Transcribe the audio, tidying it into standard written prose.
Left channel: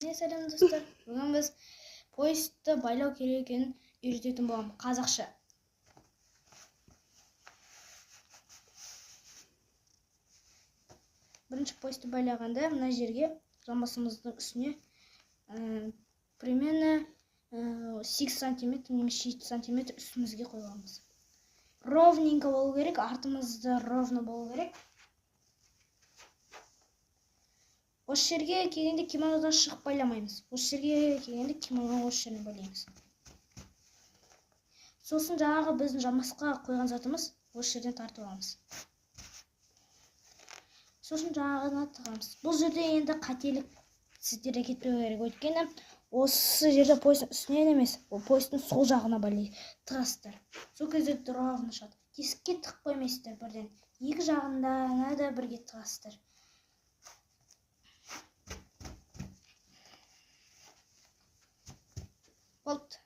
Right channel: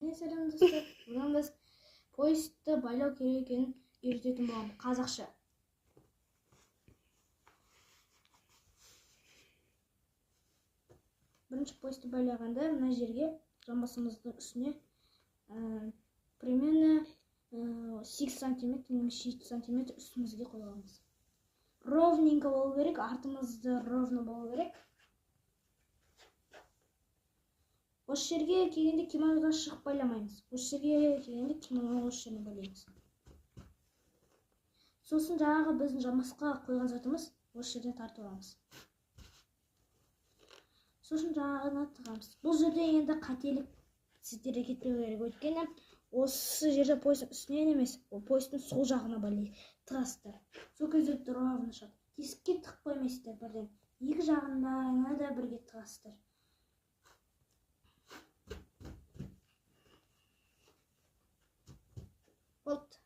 Сәлем достар. Бүгін біз поездді байлау керек екенін үйрететін боламын. Қазақша. Бірінші поездді байлағанда мына жерге жамбасымыздың үстіне примерно 8 сантиметр немесе 7 сантиметр үстімізге қойғанбыз. Ровненько болу керек, артымызда ровно болу керек. Осы жерге келгенде кимонодан шығып байламаймыз. Осы жерге келгенде кимонодан осы жеріне байлаймыз. Сосын жаңағы біздің жамбасқа қойған затымыз осы жерден тартып аламыз. Сосын жаңағыны тығамыз. Бұл жерде енді қателік сіздерге кетпеу керек. Өйткені осы жерде поездың үстінен емес, ол поездың сол жағына тығасыздар. Сол кезде ровно шығады. Тесікке тығып қоймайсыздар бірден. Екі жағына да бірге тығасыздар. Болды.